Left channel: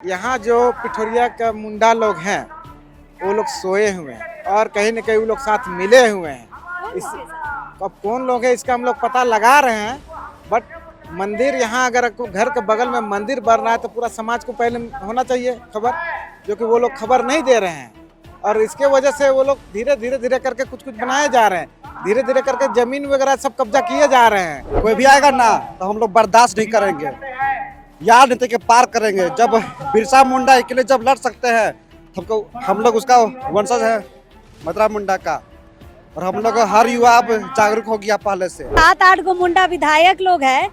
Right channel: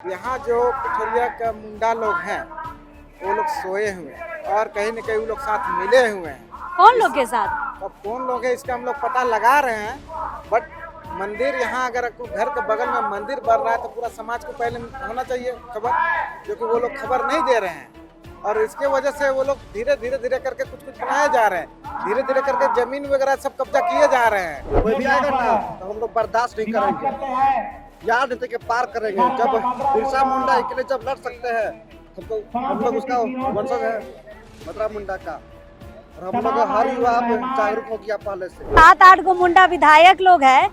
यहाँ जो पिठोरिया का मुंडा लोग हैं वो लोग सोए हुए हैं और कहीं न कहीं वो लोग साथ मिले हुए हैं। कौन लोग के साथ? अब कौन लोग हैं इसका हम लोग पता लगा रहे हैं, बट मंदिर यहाँ अगर घर के बगल में मंदिर बन रहा है तो पूरा समाज को पहले होना चाहिए खबर, जो कि वो लोग खबर नहीं दे रहे हैं और इसके वजह से वो लोग धीरे धीरे करके कुछ बनाए जा रहे हैं। धीरे धीरे करके जमीन वगैरह सब कब्जा किए जा रहे हैं। कोई भी आएगा ना तो हम लोग बर्दाश्त नहीं करेंगे, याद नीति के पार करेंगे। जब बिरसा मुंडा के लिए जब लड़ सकते हैं हमको, हम लोग उसका वंशज है मदरा मुंडा का, और हम लोग हर युवा अब जागरूक हो गया पहले से। 7-8 गो मुंडा विधायक लोग हैं,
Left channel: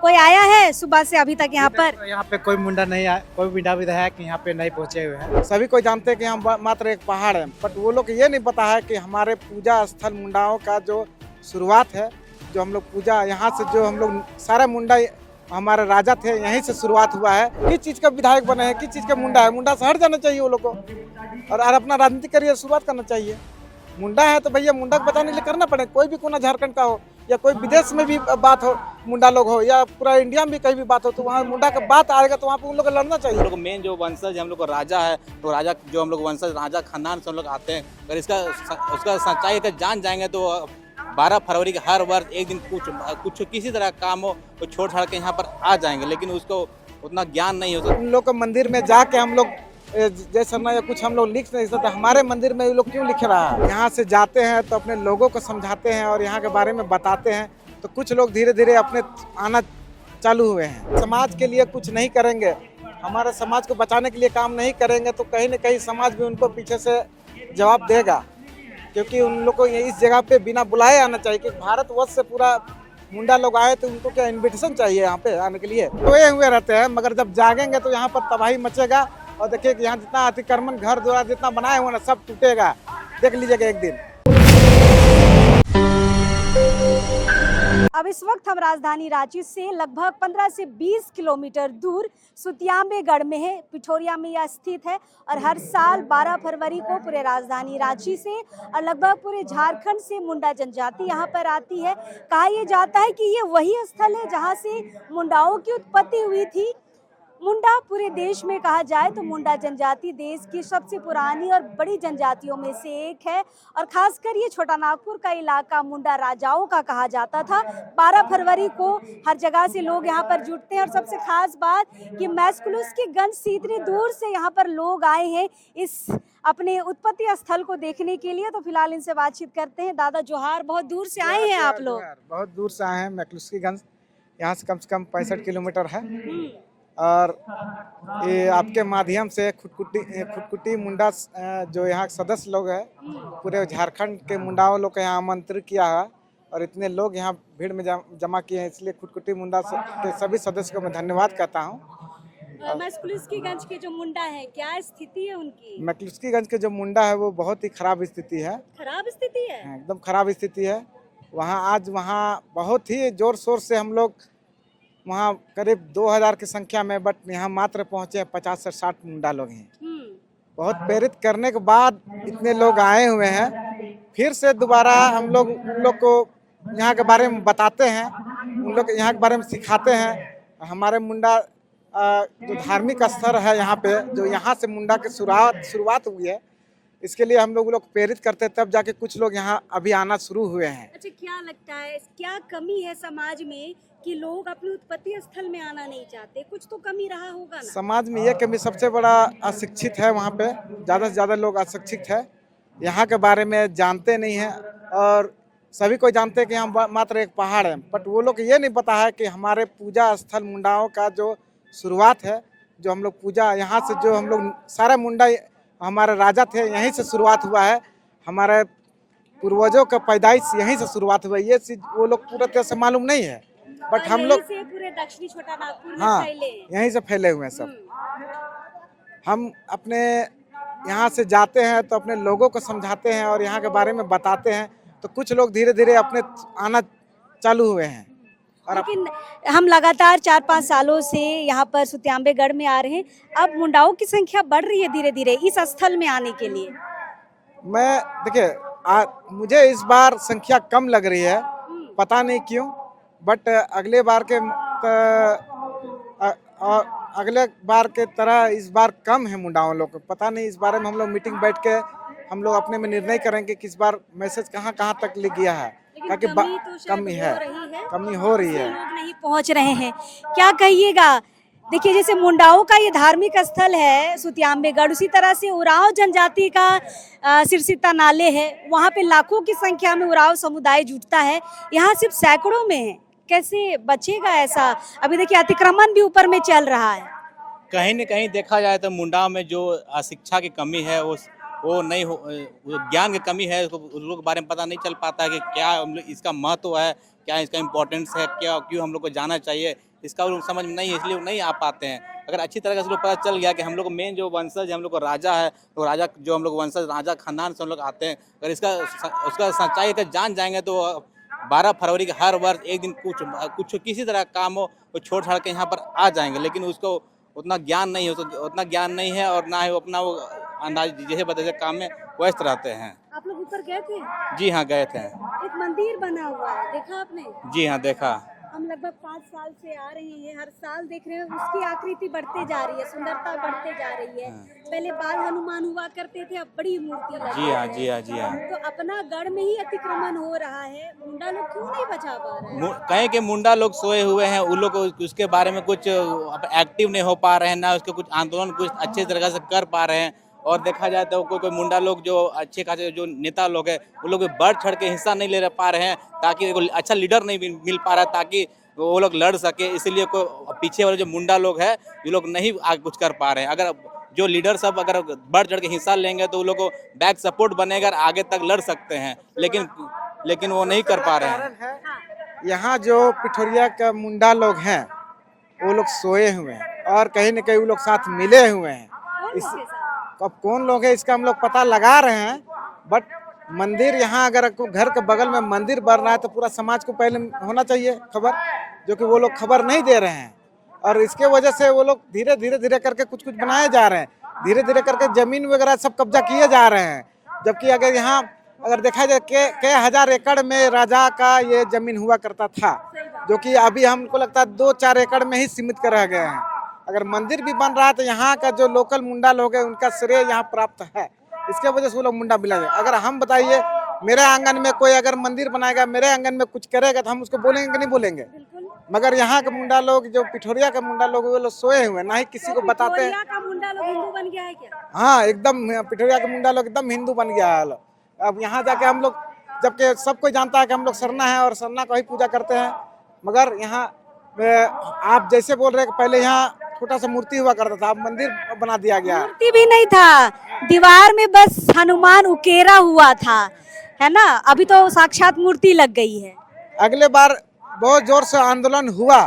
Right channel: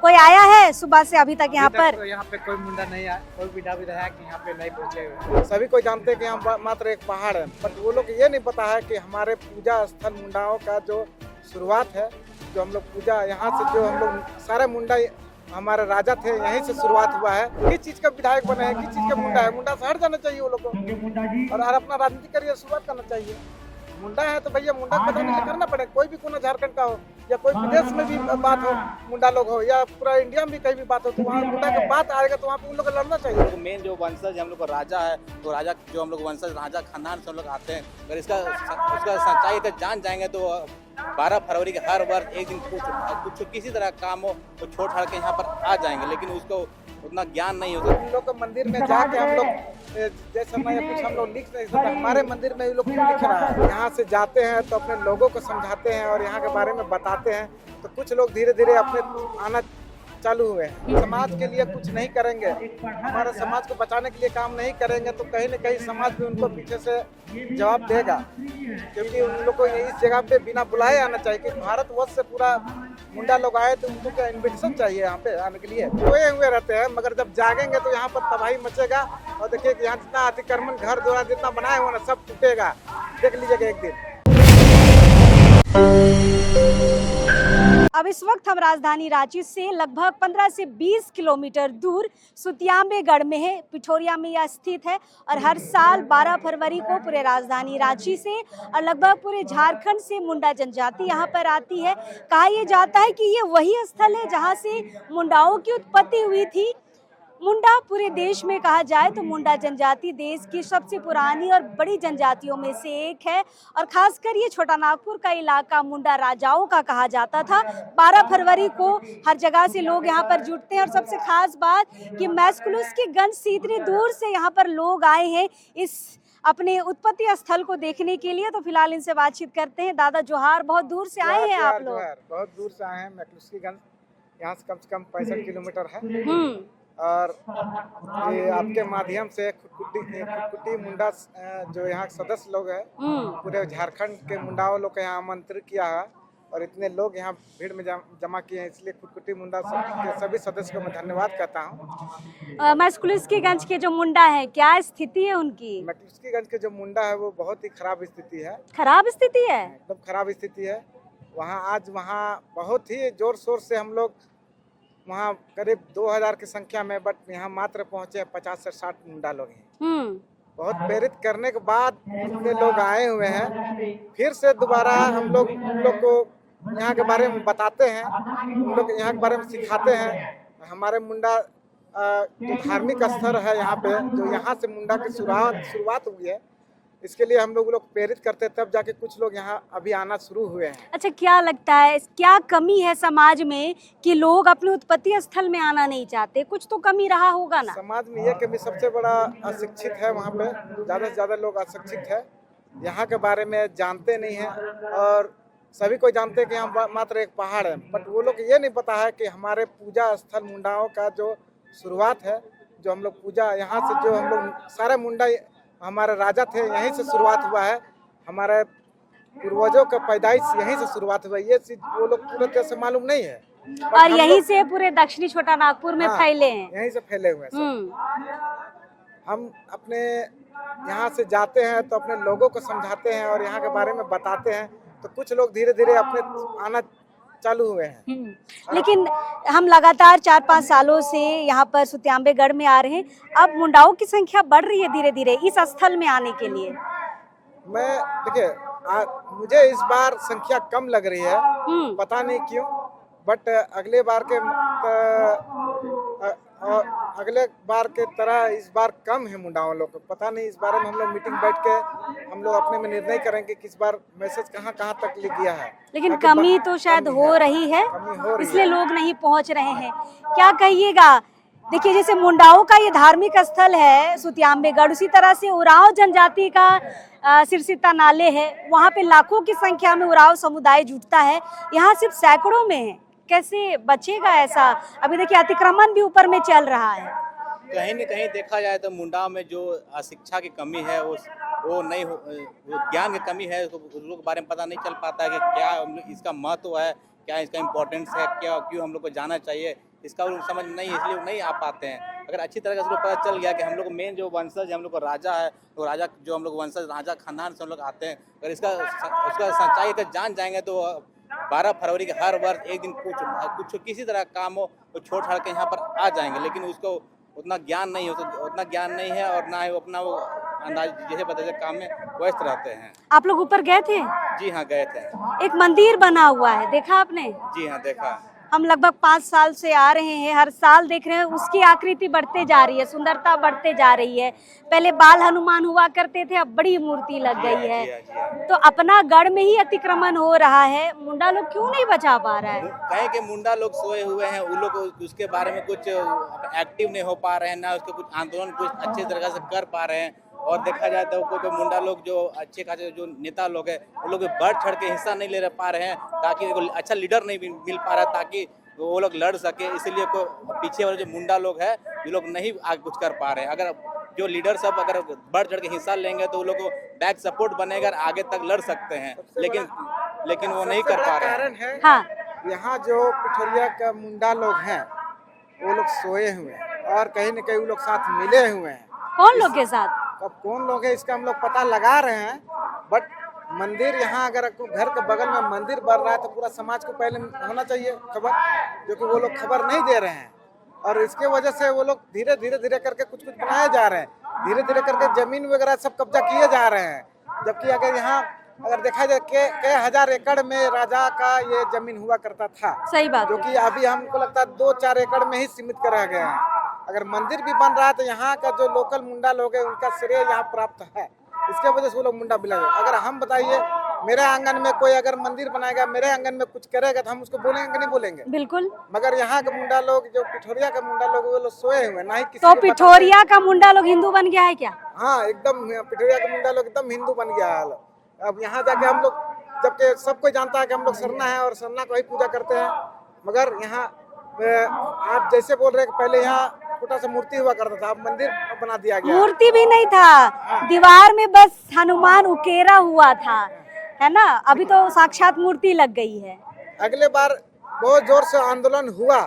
कोई आया है सुबह से अभी तक यहाँ पर? यहाँ पे कोई मुंडा नहीं आया, कोई मुंडा विधायक यहाँ पे नहीं पहुँचे हुए हैं। सभी को जानते हैं कि यहाँ मात्र एक पहाड़ है, बट वो लोग ये नहीं पता है कि हमारे पूजा स्थल मुंडाओं का जो शुरुआत है, जो हम लोग पूजा यहाँ से जो हम लोग सारे मुंडा हमारे राजा थे यहीं से शुरुआत हुआ है। किस चीज का विधायक बने हैं, किस चीज का मुंडा है? मुंडा से हट जाना चाहिए वो लोग को और अपना राजनीतिक करियर शुरुआत करना चाहिए। मुंडा है तो भैया मुंडा को बचाने के लिए करना पड़े, कोई भी कोना झारखंड का हो या कोई विदेश में भी बात हो, मुंडा लोग हो या पूरा इंडिया में भी कहीं भी बात हो, तो वहाँ मुंडा का बात आएगा तो वहाँ पे उन लोग को लड़ना चाहिए। हम लोग मेन जो वंशज हम लोग का राजा है, तो राजा जो हम लोग वंशज राजा खानदान से हम लोग आते हैं। अगर उसका सच्चाई तक जान जाएंगे तो 12 फरवरी के हर वर्ष एक दिन कुछ किसी तरह का काम हो तो छोड़ छाड़ के यहाँ पर आ जाएंगे, लेकिन उसको उतना ज्ञान नहीं होता। उन लोग को मंदिर में जाके हम लोग जैसे ना कुछ हम लोग लिख नहीं सकते, हमारे मंदिर में ये लोग क्यों लिख रहा है? यहाँ से जाते हैं तो अपने लोगों को समझाते हैं और यहाँ के बारे में बताते हैं, तो कुछ लोग धीरे धीरे अपने आना चालू हुए हैं। समाज के लिए कुछ नहीं करेंगे, हमारे समाज को बचाने के लिए काम नहीं करेंगे तो कहीं न कहीं समाज भी उनको पीछे से जवाब देगा, क्योंकि उन लोग को इस जगह पे बिना बुलाए आना चाहिए। कि भारतवर्ष से पूरा मुंडा लोग आए तो उनको क्या इन्विटेशन चाहिए यहाँ पे आने के लिए? सोए हुए रहते हैं, मगर जब जागेंगे तो यहाँ पर तबाही मचेगा और देखिए कि यहाँ जितना अतिक्रमण घर द्वारा जितना बनाए हुए ना सब टूटेगा, देख लीजिएगा एक दिन। अब इस वक्त हम राजधानी रांची से लगभग 15 से 20 किलोमीटर दूर सुतियांबेगढ़ में है। पिठोरिया में यह स्थित है और हर साल 12 फरवरी को पूरे राजधानी रांची से और लगभग पूरे झारखंड से मुंडा जनजाति यहाँ पर आती है। कहा यह जाता है कि ये वही स्थल है जहाँ से मुंडाओं की उत्पत्ति हुई थी। मुंडा पूरे देश में कहा जाए तो मुंडा जनजाति देश की सबसे पुरानी और बड़ी जनजातियों में से एक है और खासकर ये छोटा नागपुर का इलाका मुंडा राजाओं का कहा जाता था। 12 फरवरी को हर जगह से लोग यहाँ पर जुटते हैं और सबसे खास बात कि मैस्कुलस्कीगंज से इतनी दूर से यहाँ पर लोग आए हैं इस अपने उत्पत्ति स्थल को देखने के लिए। तो फिलहाल इनसे बातचीत करते हैं। दादा जोहार, बहुत दूर से आए हैं आप लोग? बहुत दूर से आए हैं। मैस्कुलस्कीगंज यहाँ से कम 65 किलोमीटर है और ये आपके माध्यम से खुटकुटी मुंडा जो यहाँ के सदस्य लोग हैं पूरे झारखंड के मुंडाओं लोग को यहाँ आमंत्रित किया है और इतने लोग यहाँ भीड़ में जमा किए हैं, इसलिए खुटकुटी मुंडा के सभी सदस्यों को मैं धन्यवाद कहता हूँ। मैस्कुलस्कीगंज के जो मुंडा है क्या स्थिति है उनकी? मैस्कुलस्कीगंज के जो मुंडा है वो बहुत ही खराब स्थिति है। खराब स्थिति है? एकदम खराब स्थिति है। वहाँ बहुत ही जोर शोर से हम लोग वहाँ करीब 2000 की संख्या में, बट यहाँ मात्र पहुँचे 50 से 60 मुंडा लोग हैं। बहुत प्रेरित करने के बाद इतने लोग आए हुए हैं। फिर से दोबारा हम लोग उन लोग को यहाँ के बारे में बताते हैं, उन लोग यहाँ के बारे में सिखाते हैं। हमारे मुंडा जो धार्मिक स्थल है यहाँ पे, जो यहाँ से मुंडा की शुरुआत हुई है, इसके लिए हम लोग प्रेरित करते हैं, तब जाके कुछ लोग यहाँ अभी आना शुरू हुए हैं। अच्छा, क्या लगता है क्या कमी है समाज में कि लोग अपने उत्पत्ति स्थल में आना नहीं चाहते? कुछ तो कमी रहा होगा ना? समाज में यह कमी सबसे बड़ा अशिक्षित है। वहाँ पे ज़्यादा से ज़्यादा लोग अशिक्षित है, यहाँ के बारे में जानते नहीं हैं और सभी को जानते हैं कि यहाँ मात्र एक पहाड़ है, बट वो लोग ये नहीं पता है कि हमारे पूजा स्थल मुंडाओं का जो शुरुआत है, जो हम लोग पूजा यहाँ से जो हम लोग सारे मुंडा हमारे राजा थे यहीं से शुरुआत हुआ है। हमारे पूर्वजों का पैदाइश यहीं से शुरुआत हुआ है। ये चीज वो लोग पूरा तरह से मालूम नहीं है और यहीं से पूरे दक्षिणी छोटा नागपुर में फैले हैं। यहीं से फैले हुए हैं सब। हम अपने यहाँ से जाते हैं तो अपने लोगों को समझाते हैं और यहाँ के बारे में बताते हैं, तो कुछ लोग धीरे धीरे अपने आना चालू हुए हैं। लेकिन हम लगातार 4-5 सालों से यहाँ पर सुतियांबेगढ़ में आ रहे हैं। अब मुंडाओं की संख्या बढ़ रही है धीरे धीरे इस स्थल में आने के लिए। मैं देखिए मुझे इस बार संख्या कम लग रही है, पता नहीं क्यों, बट अगले बार के अगले बार के तरह इस बार कम है मुंडाओं लोग को। पता नहीं, इस बारे में हम लोग मीटिंग बैठ के हम लोग अपने में निर्णय करेंगे कि इस बार मैसेज कहाँ कहाँ तक लिख गया है। लेकिन ताकि कमी तो शायद कमी हो रही है, कमी हो रही इसलिए है। लोग नहीं पहुंच रहे हैं। क्या कहिएगा? देखिए, जैसे मुंडाओं का ये धार्मिक स्थल है सुतियाम्बेगढ़, उसी तरह से उरांव जनजाति का सिरसिता नाले है, वहाँ पे लाखों की संख्या में उरांव समुदाय जुटता है, यहाँ सिर्फ सैकड़ों में है। कैसे बचेगा ऐसा? अभी देखिए अतिक्रमण भी ऊपर में चल रहा है। कहीं न कहीं देखा जाए तो मुंडाओं में जो शिक्षा की कमी है, वो नहीं हो, ज्ञान की कमी है, उन लोग के बारे में पता नहीं चल पाता है कि क्या इसका महत्व है, क्या इसका इम्पोर्टेंस है, क्या क्यों हम लोग को जाना चाहिए, इसका वो लोग समझ में नहीं, इसलिए वो नहीं आ पाते हैं। अगर अच्छी तरह से लोग पता चल गया कि हम लोग को मेन जो वंशज हम लोग को राजा है, तो राजा जो हम लोग वंशज राजा खानदान से हम लोग आते हैं, अगर उसका सच्चाई का जान जाएंगे तो 12 फरवरी के हर वर्ष एक दिन कुछ किसी तरह का काम हो वो छोड़ छाड़ के यहाँ पर आ जाएंगे। लेकिन उसको उतना ज्ञान नहीं है और ना ही वो अपना वो अंदाज जैसे बतैसे काम में व्यस्त रहते हैं। आप लोग ऊपर गए थे? जी हाँ, गए थे। एक मंदिर बना हुआ है, देखा आपने? जी हाँ, देखा। हम लगभग 5 साल से आ रहे हैं, हर साल देख रहे हैं उसकी आकृति बढ़ते जा रही है, सुंदरता बढ़ते जा रही है। पहले बाल हनुमान हुआ करते थे, अब बड़ी मूर्ति लग गई है। जी हाँ, जी हाँ। तो अपना गढ़ में ही अतिक्रमण हो रहा है, मुंडा लोग क्यों नहीं बचा पा रहा है? कहीं के मुंडा लोग सोए हुए हैं, उन लोग को उसके बारे में कुछ एक्टिव नहीं हो पा रहे हैं, ना उसके कुछ आंदोलन कुछ अच्छे तरह से कर पा रहे हैं। और देखा जाए तो कोई मुंडा लोग जो अच्छे खासे जो नेता लोग हैं, उन लोग बढ़ चढ़ के हिस्सा नहीं ले पा रहे हैं, ताकि अच्छा लीडर नहीं मिल पा रहा है, ताकि वो लोग लड़ सके। इसीलिए कोई पीछे वाले जो मुंडा लोग हैं, ये लोग नहीं आगे कुछ कर पा रहे हैं। अगर जो लीडर सब अगर बढ़ चढ़ के हिस्सा लेंगे तो वो लोग को बैक सपोर्ट बनेगा, आगे तक लड़ सकते हैं, लेकिन वो नहीं कर पा रहे हैं। हाँ, यहाँ जो पिठोरिया का मुंडा लोग हैं वो लोग सोए हुए हैं और कहीं न कहीं वो लोग साथ मिले हुए हैं। कौन लोग के साथ? अब कौन लोग हैं इसका हम लोग पता लगा रहे हैं, बट मंदिर यहाँ अगर घर के बगल में मंदिर बन रहा है तो पूरा समाज को पहले होना चाहिए खबर, जो कि वो लोग खबर नहीं दे रहे हैं। और इसके वजह से वो लोग धीरे धीरे करके कुछ बनाए जा रहे हैं, धीरे धीरे करके जमीन वगैरह सब कब्जा किए जा रहे हैं। जबकि अगर देखा जाए कई हजार एकड़ में राजा का ये जमीन हुआ करता था, सही बात, जो कि अभी हमको लगता है 2-4 एकड़ में ही सीमित कर रह गए हैं। अगर मंदिर भी बन रहा है तो यहाँ का जो लोकल मुंडा लोग हैं उनका श्रेय यहाँ प्राप्त है, इसके वजह से वो लोग मुंडा मिला है। अगर हम बताइए, मेरे आंगन में कोई अगर मंदिर बनाएगा, मेरे आंगन में कुछ करेगा तो हम उसको बोलेंगे कि नहीं बोलेंगे? बिल्कुल। मगर यहाँ के मुंडा लोग, जो पिठोरिया के मुंडा लोग, वो लोग सोए हुए, ना ही किसी तो को पिठोरिया का मुंडा लोग हिंदू बन गया है क्या? हाँ, एकदम पिठोरिया के मुंडा लोग एकदम हिंदू बन गया है। अब यहाँ जाके हम लोग, जबकि सब कोई जानता है कि हम लोग सरना है और सरना को ही पूजा करते हैं, मगर यहाँ आप जैसे बोल रहे हैं कि पहले यहाँ छोटा सा मूर्ति हुआ करता था, अब मंदिर बना दिया गया। मूर्ति भी नहीं था, दीवार में बस हनुमान उकेरा हुआ था, है ना? अभी तो साक्षात मूर्ति लग गई है। अगले बार बहुत जोर से आंदोलन हुआ,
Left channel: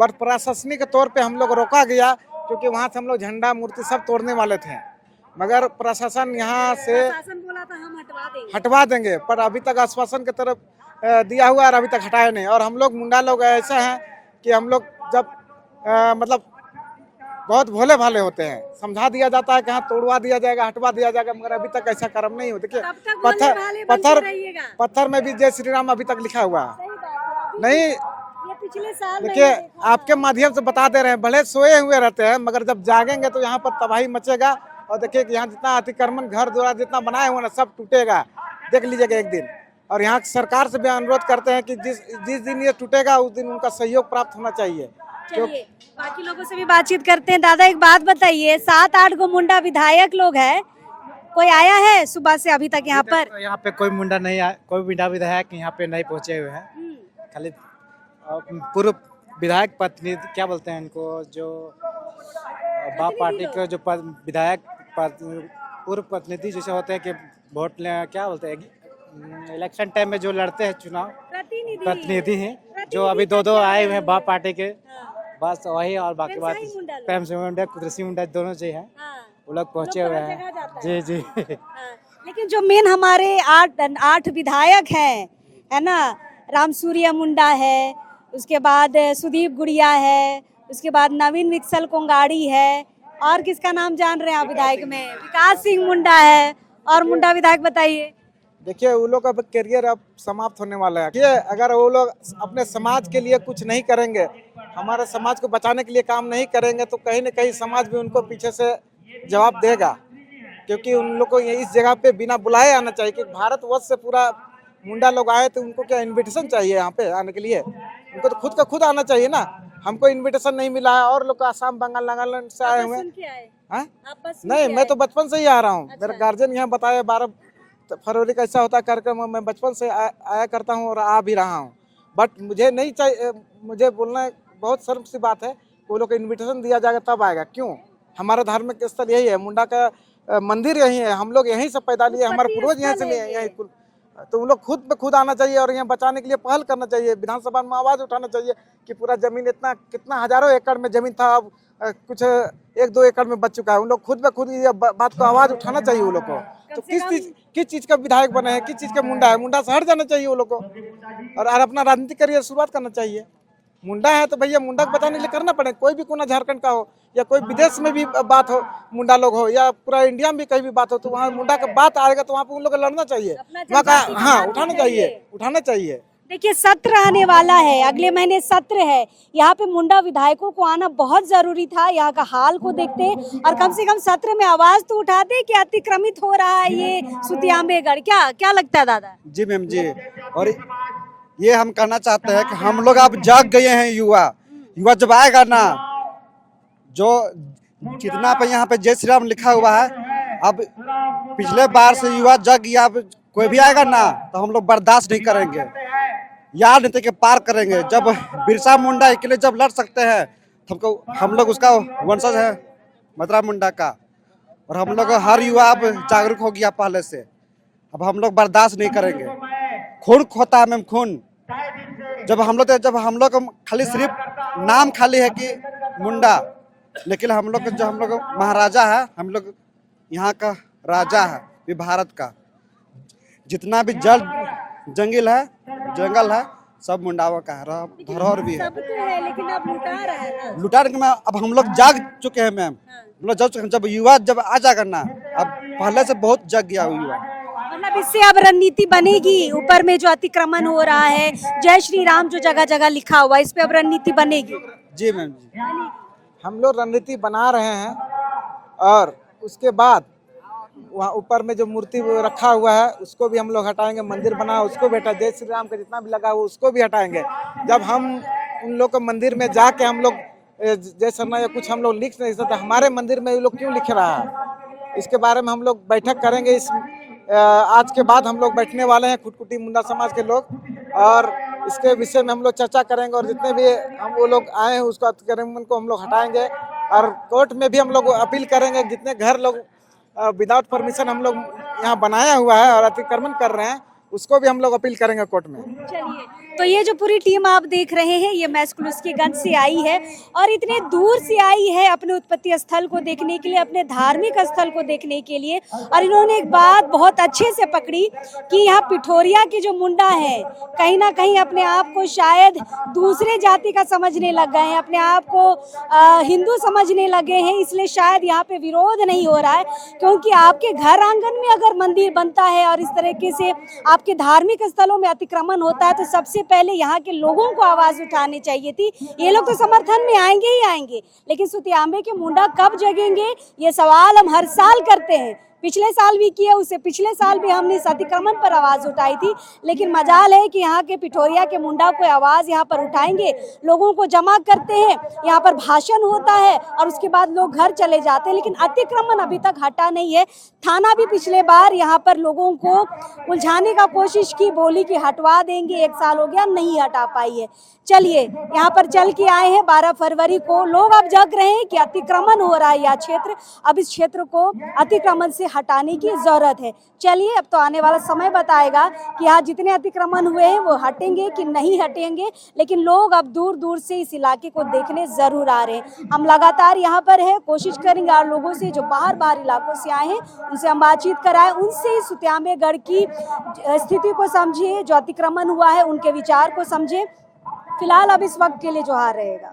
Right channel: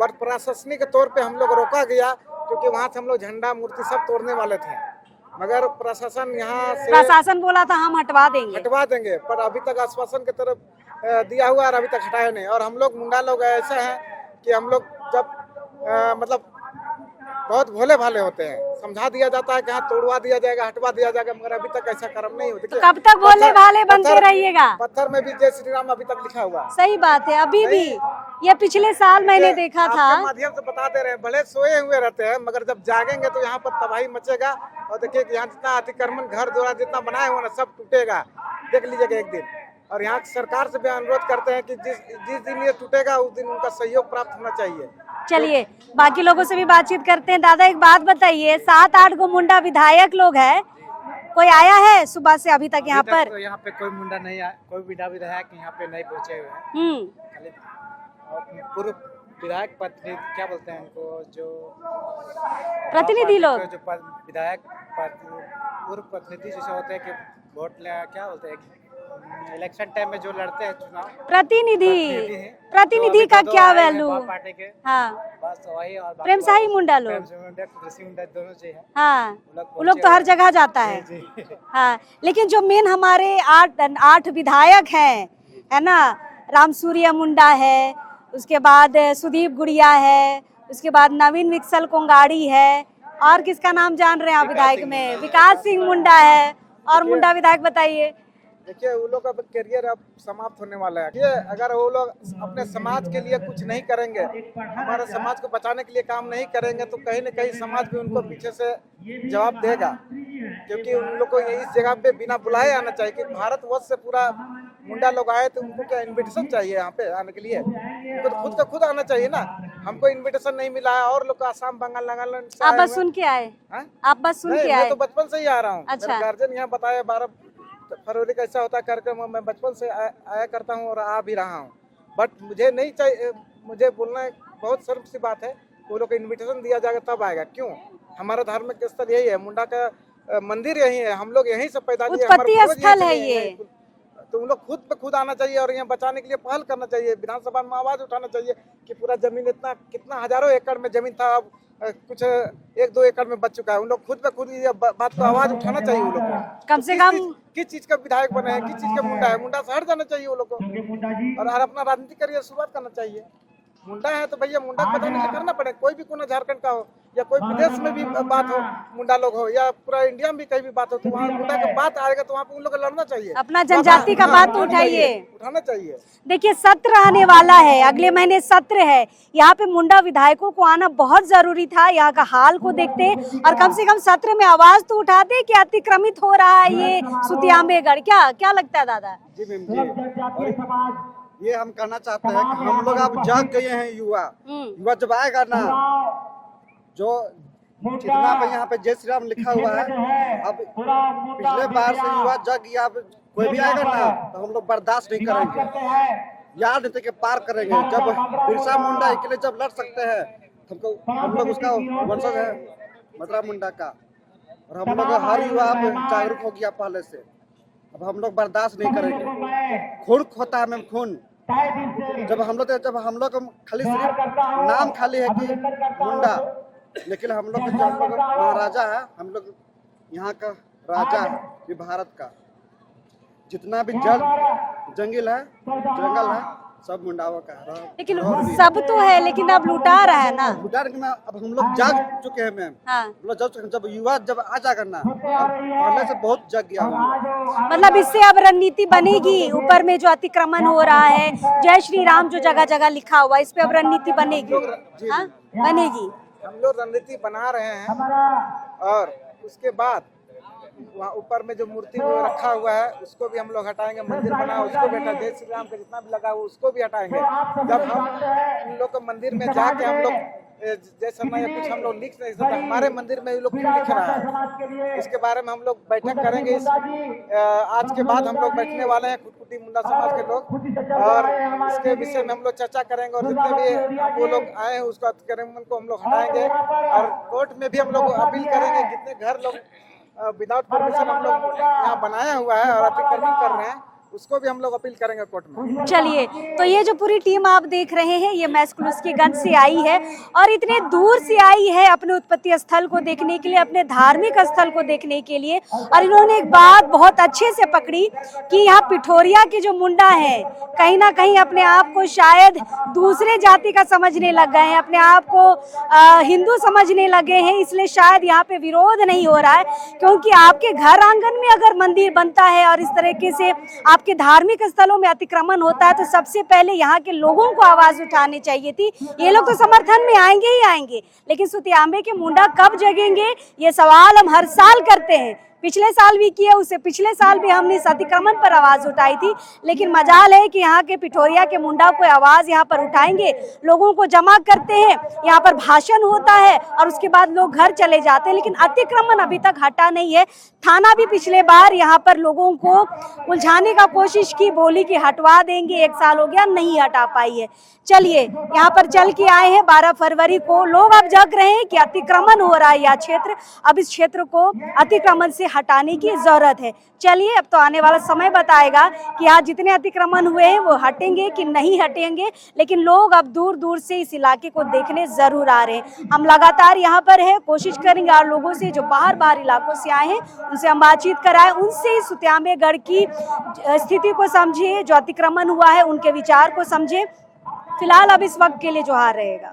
बट प्रशासनिक तौर पे हम लोग रोका गया, क्योंकि वहाँ से हम लोग झंडा मूर्ति सब तोड़ने वाले थे, मगर प्रशासन यहाँ से प्रशासन बोला था हम हटवा देंगे, पर अभी तक आश्वासन की तरफ दिया हुआ है और अभी तक हटाए नहीं। और हम लोग मुंडा लोग ऐसे हैं कि हम लोग जब मतलब बहुत भोले भाले होते हैं, समझा दिया जाता है कि हाँ तोड़वा दिया जाएगा, हटवा दिया जाएगा, मगर अभी तक ऐसा कर्म नहीं होता। तो कब तक भोले भाले बनते रहिएगा? पत्थर में भी जय श्री राम अभी तक लिखा हुआ है। सही बात है, अभी नहीं, ये पिछले साल मैंने देखा था। आपके माध्यम से बता दे रहे हैं, भले सोए हुए रहते हैं, मगर जब जागेंगे तो यहाँ पर तबाही मचेगा। और देखिए कि यहाँ जितना अतिक्रमण घर द्वारा जितना बनाए हुए ना, सब टूटेगा, देख लीजिएगा एक दिन। और यहाँ सरकार से भी अनुरोध करते हैं कि जिस दिन ये टूटेगा उस दिन उनका सहयोग प्राप्त होना चाहिए। चलिए बाकी लोगों से भी बातचीत करते हैं। दादा, एक बात बताइए, 7-8 गो मुंडा विधायक लोग हैं, कोई आया है सुबह से अभी तक यहाँ पर? तो यहाँ पे कोई मुंडा नहीं आया, कोई मुंडा विधायक यहाँ पे नहीं पहुँचे हुए हैं। खाली पूर्व विधायक प्रतिनिधि, क्या बोलते हैं इनको, जो प्रतिनिधि लोग, जो विधायक पूर्व प्रतिनिधि जैसे होते हैं कि वोट क्या बोलते हैं, इलेक्शन टाइम में जो लड़ते हैं चुनाव, प्रतिनिधि हैं। प्रतिनिधि का क्या वैल्यू? बाप पार्टी के, हाँ, बस वही। और प्रेमसाही मुंडा लोग, प्रेमसाही मुंडा, कुदरती मुंडा, दोनों जी हैं। हाँ, वो लोग तो हर जगह जाता है। जी जी। हाँ, लेकिन जो मेन हमारे 8 विधायक हैं, है ना, रामसूर्य मुंडा है, उसके बाद सुदीप गुड़िया है, उसके बाद नवीन विक्सल कोंगाड़ी है, और किसका नाम जान रहे हैं आप विधायक में? विकास सिंह मुंडा है। और मुंडा विधायक बताइए। देखिए वो लोग का करियर अब समाप्त होने वाला है। देखिए अगर वो लोग अपने समाज के लिए कुछ नहीं करेंगे, हमारे समाज को बचाने के लिए काम नहीं करेंगे, तो कहीं न कहीं समाज भी उनको पीछे से जवाब देगा। क्योंकि उन लोग को इस जगह पे बिना बुलाए आना चाहिए कि भारतवर्ष से पूरा मुंडा लोग आए, तो उनको क्या इनविटेशन चाहिए यहाँ पे आने के लिए? उनको तो खुद का खुद आना चाहिए ना। हमको इनविटेशन नहीं मिला है और लोग आसाम बंगाल नागालैंड से आप आए बस हुए सुन के आए? हैं। आप बस सुन नहीं, के मैं आए? तो बचपन से ही आ रहा हूँ। अच्छा। मेरे गार्जियन यहाँ बताया 12 फरवरी का ऐसा होता है कार्यक्रम, मैं बचपन से आया करता हूँ और आ भी रहा हूँ। बट मुझे नहीं चाहिए, मुझे बोलना बहुत शर्म सी बात है, वो लोग को इन्विटेशन दिया जाएगा तब आएगा। क्यों? हमारा धार्मिक स्थल यही है, मुंडा का मंदिर यही है, हम लोग यहीं से पैदा लिए, हमारे पूर्वज यहीं से लिए हैं। तो उन लोग खुद पे खुद आना चाहिए और यहाँ बचाने के लिए पहल करना चाहिए। विधानसभा में आवाज उठाना चाहिए कि पूरा जमीन इतना कितना हजारों एकड़ में जमीन था, अब कुछ 1-2 एकड़ में बच चुका है। उन लोग खुद पे खुद ये बात को आवाज उठाना चाहिए वो लोग को। कम से कम किस चीज का विधायक बने हैं, किस चीज का मुंडा है, मुंडा से हट जाना चाहिए वो लोग को और अपना राजनीतिक करियर शुरुआत करना चाहिए। मुंडा है तो भैया मुंडा को बचाने के लिए करना पड़ेगा। कोई भी कोना झारखंड का हो या कोई विदेश में भी बात हो, मुंडा लोग हो या पूरा इंडिया में भी कहीं भी बात हो, तो वहाँ मुंडा का बात आएगा तो वहाँ पे उन लोग को लड़ना चाहिए, अपना जनजाति का बात उठाना चाहिए। देखिए सत्र आने वाला है, अगले महीने सत्र है। यहाँ पे मुंडा विधायकों को आना बहुत जरूरी था, यहाँ का हाल को देखते और कम से कम सत्र में आवाज तो उठाते कि अतिक्रमित हो रहा है ये सुतियाम्बेगढ़। क्या लगता है दादा? जी मैम जी, और ये हम कहना चाहते हैं कि हम लोग अब जाग गए हैं। युवा जब आएगा ना, जो जितना पे यहाँ पे जय श्री राम लिखा हुआ है, अब पिछले बार से युवा जग गया। अब कोई भी आएगा ना तो हम लोग बर्दाश्त नहीं करेंगे, यार नीति के पार करेंगे। जब बिरसा मुंडा अकेले जब लड़ सकते हैं, हमको हम लोग उसका वंशज है मतरा मुंडा का, और हम लोग हर युवा अब जागरूक हो गया पहले से। अब हम लोग बर्दाश्त नहीं करेंगे। खून खोता है मैम, खून। जब हम लोग खाली सिर्फ नाम खाली है कि मुंडा, लेकिन हम लोग महाराजा है, हम लोग यहाँ का राजा है, ये भारत का। जितना भी जंगल है सब मुंडावा का है। लेकिन सब तो है, लेकिन अब लुटा रहा है ना। लुटा रहे मैम, अब हम लोग जाग चुके हैं मैम। हाँ। हम लोग जाग चुके हैं। जब युवा जब आ जाएगा ना, अब पहले से बहुत जग गया युवा। मतलब इससे अब रणनीति बनेगी। ऊपर में जो अतिक्रमण हो रहा है, जय श्री राम जो जगह जगह लिखा हुआ है, इस पे अब रणनीति बनेगी। जी मैम, बनेगी। हम लोग रणनीति बना रहे हैं और उसके बाद वहाँ ऊपर में जो मूर्ति रखा हुआ है उसको भी हम लोग हटाएंगे। मंदिर बना उसको भी हटा, जय श्री राम का जितना भी लगा हुआ उसको भी हटाएंगे। जब हम उन लोग के मंदिर में जाके हम लोग जय शर्मा या कुछ हम लोग लिख नहीं सकते, हमारे मंदिर में ये लोग क्यों लिख रहा है, इसके बारे में हम लोग बैठक करेंगे। आज के बाद हम लोग बैठने वाले हैं खुटकुटी मुंडा समाज के लोग, और इसके विषय में हम लोग चर्चा करेंगे और जितने भी हम वो लोग आए हैं उसको अतिक्रमण को हम लोग हटाएंगे। और कोर्ट में भी हम लोग अपील करेंगे। जितने घर लोग विदाउट परमिशन हम लोग यहाँ बनाया हुआ है और अतिक्रमण कर रहे हैं, उसको भी हम लोग अपील करेंगे कोर्ट में। चलिए, तो ये जो पूरी टीम आप देख रहे हैं, ये मैस्कुलस्कीगंज से आई है और इतने दूर से आई है अपने उत्पत्ति स्थल को देखने के लिए, अपने धार्मिक स्थल को देखने के लिए। और इन्होंने एक बात बहुत अच्छे से पकड़ी कि यहाँ पिठोरिया के जो मुंडा है, कहीं ना कहीं अपने आप को शायद दूसरे जाति का समझने लग गए हैं, अपने आप को हिंदू समझने लगे हैं। इसलिए शायद यहाँ पे विरोध नहीं हो रहा है, क्योंकि आपके घर आंगन में अगर मंदिर बनता है और इस तरीके से आपके धार्मिक स्थलों में अतिक्रमण होता है, तो सबसे पहले यहाँ के लोगों को आवाज उठानी चाहिए थी। ये लोग तो समर्थन में आएंगे ही आएंगे, लेकिन सुतियाम्बे के मुंडा कब जगेंगे, ये सवाल हम हर साल करते हैं। पिछले साल भी किया, उससे पिछले साल भी हमने इस अतिक्रमण पर आवाज उठाई थी। लेकिन मजाल है कि यहाँ के पिठोरिया के मुंडा को आवाज यहाँ पर उठाएंगे, लोगों को जमा करते हैं, यहाँ पर भाषण होता है और उसके बाद लोग घर चले जाते हैं। लेकिन अतिक्रमण अभी तक हटा नहीं है। थाना भी पिछले बार यहाँ पर लोगों को उलझाने का कोशिश की, बोली कि हटवा देंगे, 1 साल हो गया, नहीं हटा पाई है। चलिए, यहाँ पर चल के आए हैं 12 फरवरी को, लोग अब जाग रहे हैं कि अतिक्रमण हो रहा है यह क्षेत्र, अब इस क्षेत्र को अतिक्रमण से हटाने की जरूरत है। चलिए, अब तो आने वाला समय बताएगा कि यहाँ जितने अतिक्रमण हुए हैं वो हटेंगे कि नहीं हटेंगे, लेकिन लोग अब दूर दूर से इस इलाके को देखने जरूर आ रहे हैं। हम लगातार यहाँ पर है, कोशिश करेंगे और लोगों से जो बाहर इलाकों से आए हैं उनसे हम बातचीत कराएं, उनसे सुतियाम्बेगढ़ की स्थिति को समझे, जो अतिक्रमण हुआ है उनके विचार को समझे। फिलहाल अब इस वक्त के लिए जोहार रहेगा।